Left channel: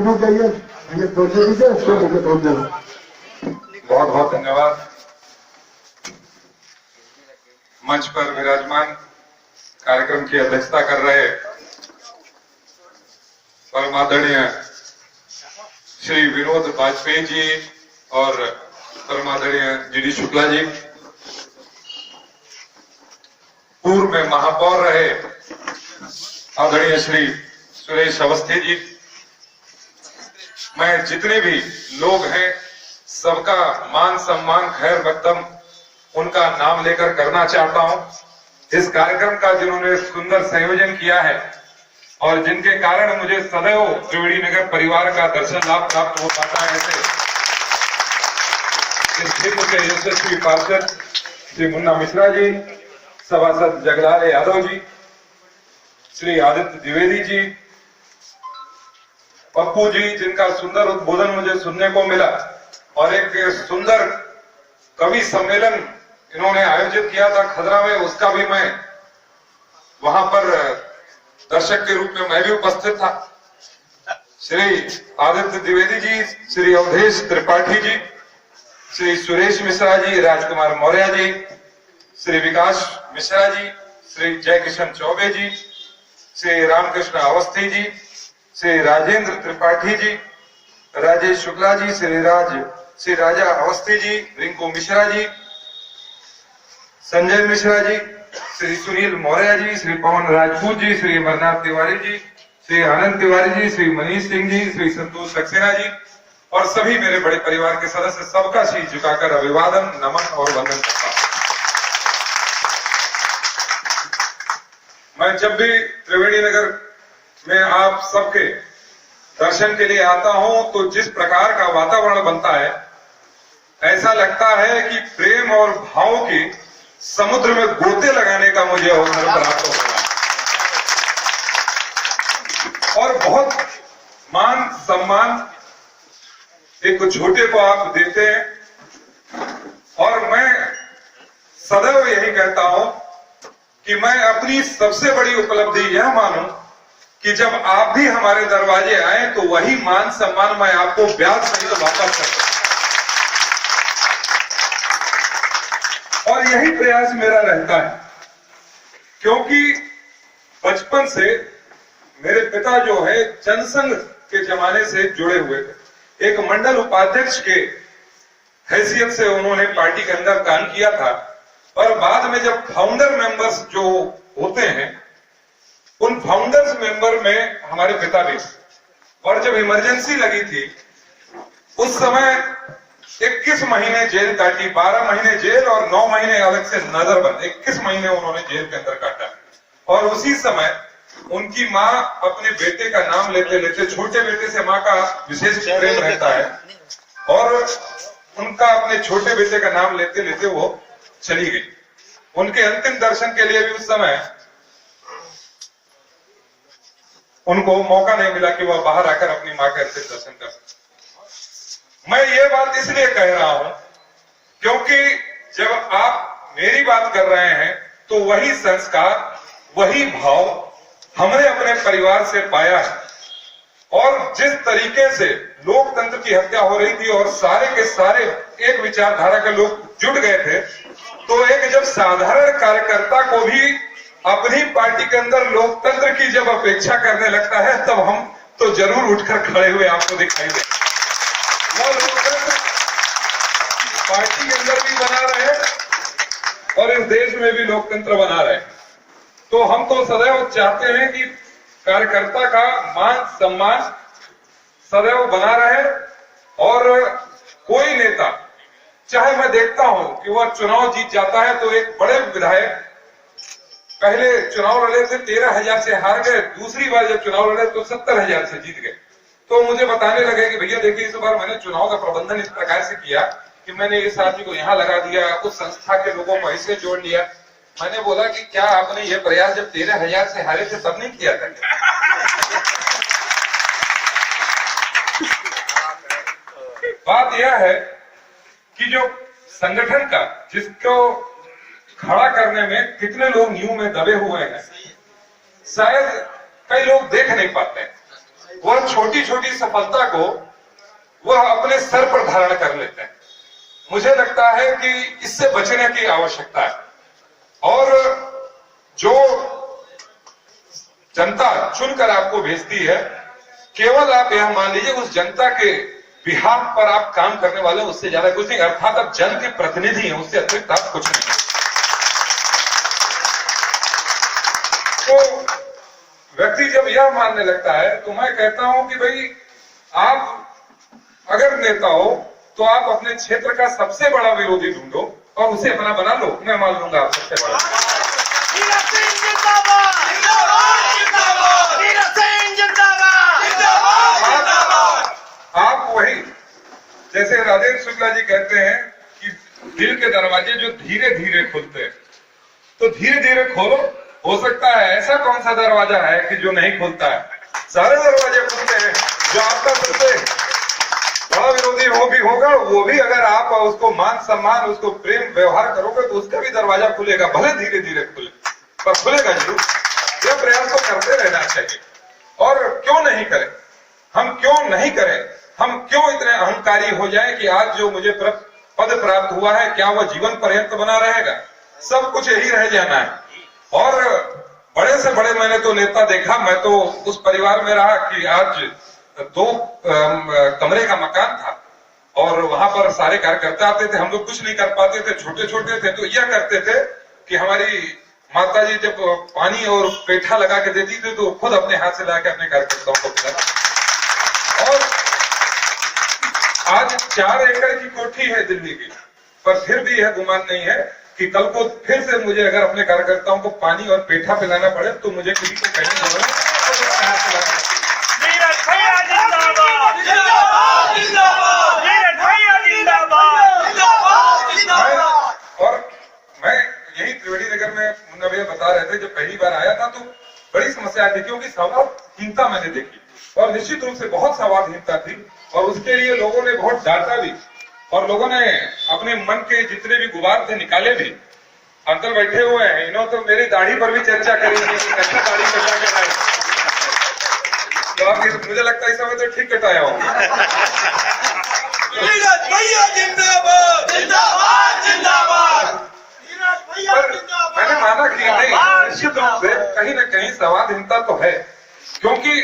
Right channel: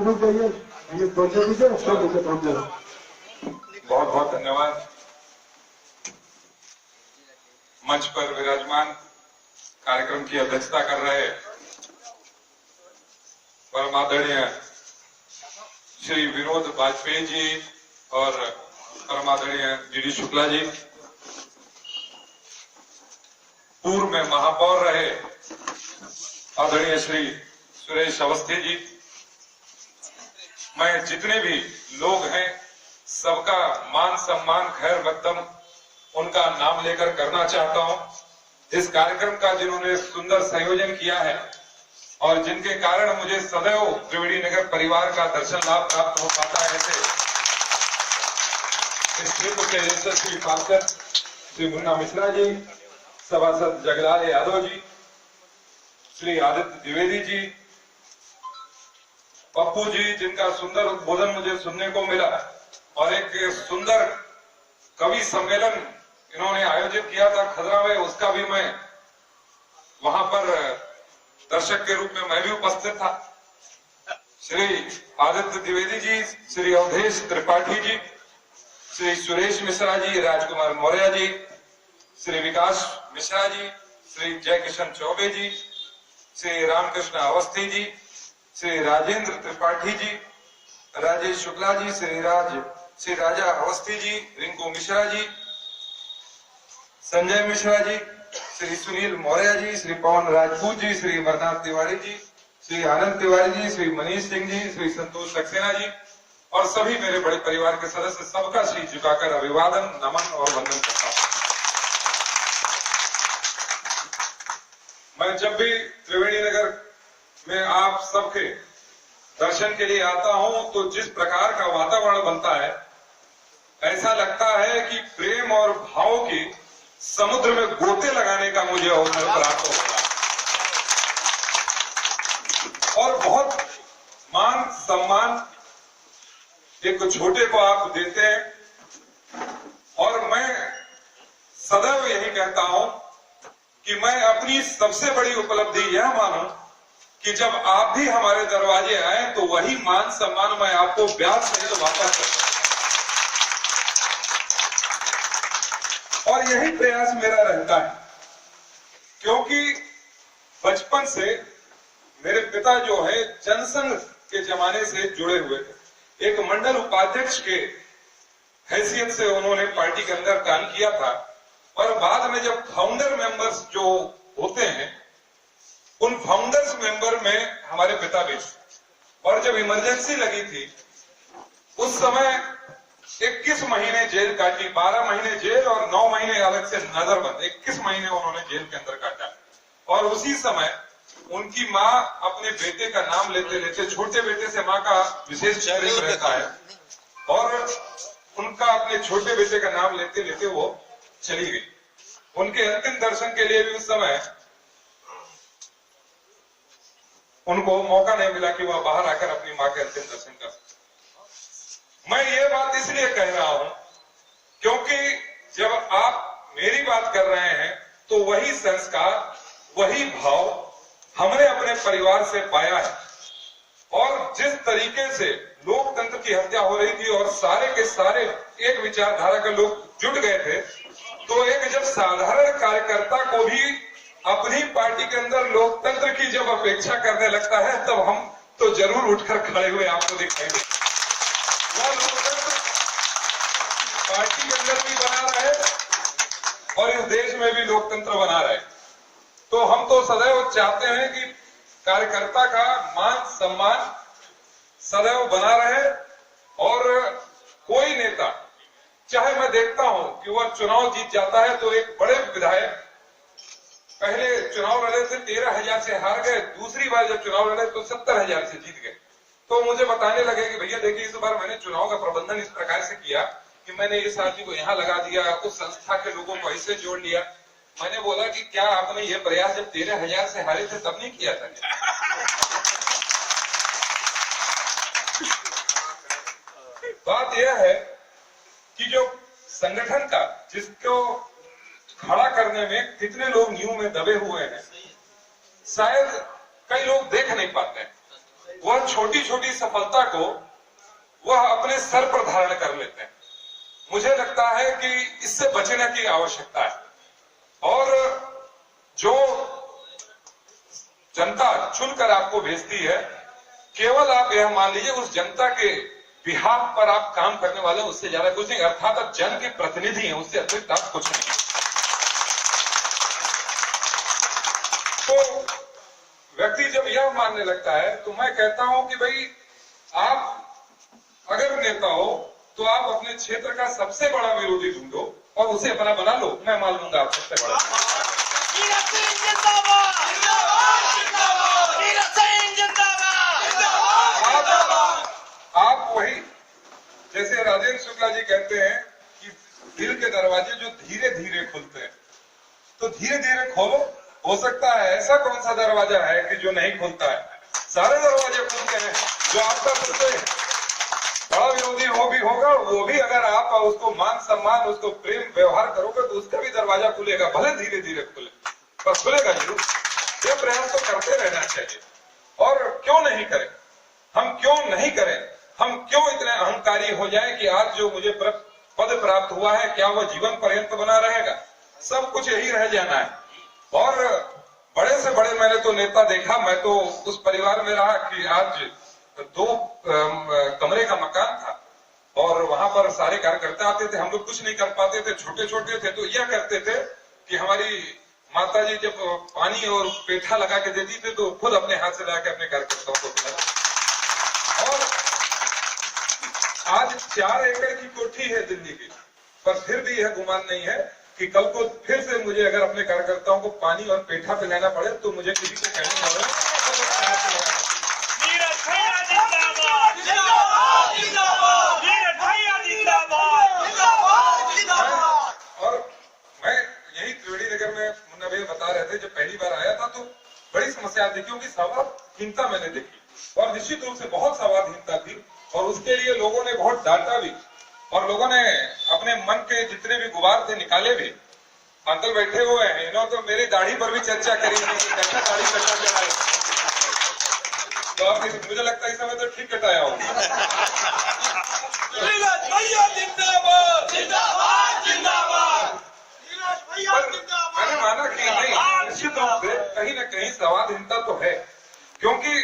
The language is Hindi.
शुरू करिए, ये सोचे दीजिए, उसको मुझे पहुंच जाना। बहुत बहुत धन्यवाद। मंच पर विराजमान कार्यक्रम की अध्यक्षता कर रहे परम आदरणीय श्री विनोद वाजपेयी जी और परम आदरणीय जीडी शुक्ला जी, पूर्व में महापौर रहे आदरणीय श्री सुरेश अवस्थी जी, मैं जितने भी लोग हैं सबका मान सम्मान खैर मकदम उनका नाम लेकर करना चाहता हूं। इस कार्यक्रम का जिन्होंने सुंदर संयोजन किया है और जिनके कारण मुझे सदैव त्रिवेणी नगर परिवार का दर्शन लाभ प्राप्त हो पाता है, ऐसे इस क्षेत्र के यशस्वी पार्षद श्री मुन्ना मिश्रा जी, सभासद जगलाल यादव जी, श्री आदित्य द्विवेदी जी, पप्पू जी, जिनका सुंदर उद्बोधन मुझे सुनने को मिला, और एक सुंदर कवि सम्मेलन इन्होंने आयोजित किया था खदरा में, उसका भी मैं वहां पर दर्शक के रूप में मैं भी उपस्थित था। श्री आदित्य द्विवेदी जी, श्री अवधेश त्रिपाठी जी, श्री सुरेश मिश्रा जी, राजकुमार मौर्य जी, श्री विकास मिश्रा जी, श्री जयकिशन चौबे जी, श्री रामकृष्ण अवस्थी जी, श्री राजेंद्र त्रिपाठी जी, राजेश शुक्ला जी, श्री राजा अवस्थी जी, रिंकू मिश्रा जी, संजय मिश्रा जी, श्री सुनील मौर्य जी, श्री पवन राजपूत जी, श्री अमरनाथ तिवारी जी, श्री आनंद तिवारी जी, श्री मनीष सिंह जी, श्री संतोष सक्सेना जी और सभी मेरे बड़े परिवार के सदस्य, सबका शीश झुकाकर अभिवादन, नमन और वंदन करता हूं। मैं जब भी त्रिवेणी नगर में आप सबके दर्शन के लिए आता हूं तो जिस प्रकार का वातावरण बनता है, ऐसा लगता है कि प्रेम और भाव के समुद्र में गोते लगाने का मुझे अवसर प्राप्त हो रहा है और बहुत मान सम्मान एक छोटे को आप देते हैं। और मैं सदैव यही कहता हूं कि मैं अपनी सबसे बड़ी उपलब्धि यह मानूं कि जब आप भी हमारे दरवाजे आए तो वही मान सम्मान मैं आपको ब्याज सहित वापस करता हूं। और यही प्रयास मेरा रहता है, क्योंकि बचपन से मेरे पिता जो है जनसंघ के जमाने से जुड़े हुए थे। एक मंडल उपाध्यक्ष के हैसियत से उन्होंने पार्टी के अंदर काम किया था, और बाद में जब फाउंडर मेंबर्स जो होते हैं उन फाउंडर्स मेंबर में हमारे पिता भी, और जब इमरजेंसी लगी थी उस समय 21 महीने जेल काटी, 12 महीने जेल और 9 महीने अलग से नजरबंद, 21 महीने उन्होंने जेल के अंदर काटा। और उसी समय उनकी माँ अपने बेटे का नाम लेते लेते, छोटे बेटे से माँ का विशेष प्रेम रहता है, और उनका अपने छोटे बेटे का नाम लेते लेते वो चली गई। उनके अंतिम दर्शन के लिए भी उस समय उनको मौका नहीं मिला कि वह बाहर आकर अपनी मां के अंतिम दर्शन कर सके। मैं ये बात इसलिए कह रहा हूं क्योंकि जब आप मेरी बात कर रहे हैं तो वही संस्कार, वही भाव हमने अपने परिवार से पाया है। और जिस तरीके से लोकतंत्र की हत्या हो रही थी और सारे के सारे एक विचारधारा के लोग जुट गए थे, तो एक जब साधारण कार्यकर्ता को भी अपनी पार्टी के अंदर लोकतंत्र की जब अपेक्षा करने लगता है, तब हम तो जरूर उठकर खड़े हुए आपको दिखाई दे। वो लोकतंत्र पार्टी के अंदर भी बना रहे और इस देश में भी लोकतंत्र बना रहे। तो हम तो सदैव चाहते हैं कि कार्यकर्ता का मान सम्मान सदैव बना रहे, और कोई नेता, चाहे मैं देखता हूं कि वह चुनाव जीत जाता है तो एक बड़े विधायक पहले चुनाव लड़े थे 13,000 से हार गए, दूसरी बार जब चुनाव लड़े तो 70,000 से जीत गए। तो मुझे बताने लगे कि भैया देखिए, इस बार मैंने चुनाव का प्रबंधन इस प्रकार से किया कि मैंने इस आदमी को यहाँ लगा दिया, उस संस्था के लोगों को ऐसे जोड़ लिया। मैंने बोला कि क्या आपने ये प्रयास जब 13,000 से हारे थे तब नहीं किया था? बात यह है कि जो संगठन का, जिसको खड़ा करने में कितने लोग नींव में दबे हुए हैं, शायद कई लोग देख नहीं पाते हैं। वह छोटी छोटी सफलता को वह अपने सर पर धारण कर लेते हैं। मुझे लगता है कि इससे बचने की आवश्यकता है। और जो जनता चुनकर आपको भेजती है, केवल आप यह मान लीजिए उस जनता के बिहाफ पर आप काम करने वाले, उससे ज्यादा कुछ नहीं। अर्थात आप जन के प्रतिनिधि हैं, उससे अतिरिक्त आप कुछ नहीं। तो व्यक्ति जब यह मानने लगता है तो मैं कहता हूं कि भाई आप अगर नेता हो तो आप अपने क्षेत्र का सबसे बड़ा विरोधी ढूंढो और उसे अपना बना लो। मैं मान लूंगा आप सबसे बड़ा। आप वही, जैसे राजेंद्र शुक्ला जी कहते हैं कि दिल के दरवाजे जो धीरे धीरे खुलते हैं, तो धीरे धीरे खोलो। हो सकता है ऐसा कौन सा दरवाजा है कि जो नहीं खुलता है? सारे दरवाजे खुलते हैं। जो आपका सबसे बड़ा विरोधी वो भी होगा, वो भी अगर आप उसको मान सम्मान, उसको प्रेम व्यवहार करोगे तो उसका भी दरवाजा खुलेगा, भले धीरे धीरे खुले, पर खुलेगा जरूर। यह प्रयास तो करते रहना चाहिए। और क्यों नहीं करें? हम क्यों नहीं करें? हम क्यों इतने अहंकारी हो जाए कि आज जो मुझे पद प्राप्त हुआ है, क्या वह जीवन पर्यंत बना रहेगा? सब कुछ यही रह जाना है। और बड़े से बड़े मैंने तो नेता देखा। मैं तो उस परिवार में रहा कि आज 2 कमरे का मकान था और वहां पर सारे कार्यकर्ता आते थे। हम लोग कुछ नहीं कर पाते थे, छोटे छोटे थे, तो यह करते थे कि हमारी माता जी जब पानी और पेठा लगा के देती थी तो खुद अपने हाथ से लाके अपने कार्यकर्ताओं को पिलाना। और आज 4 एकड़ की कोठी है दिल्ली की, पर फिर भी यह गुमान नहीं है कि कल को फिर से मुझे अगर अपने कार्यकर्ताओं को पानी और पेठा पिलाना पड़े तो मुझे किसी को कहने नहीं और मैं यही त्रिवेणी नगर में मुन्ना भैया बता रहे थे, जब पहली बार आया था तो बड़ी समस्या थी, क्योंकि संवादहीनता मैंने देखी और निश्चित रूप से बहुत संवादहीनता थी और उसके लिए लोगों ने बहुत डांटा भी और लोगों ने अपने मन के जितने भी गुबार थे निकाले भी। अंकल बैठे हुए हैं, इन्होंने तो मेरी दाढ़ी पर भी चर्चा करी थी कि कैसे दाढ़ी कटा के लाए। तो अब मुझे लगता है इस समय तो ठीक कटाया हो। मैंने माना कि नहीं, निश्चित रूप से कहीं न कहीं संवादहीनता तो है, क्योंकि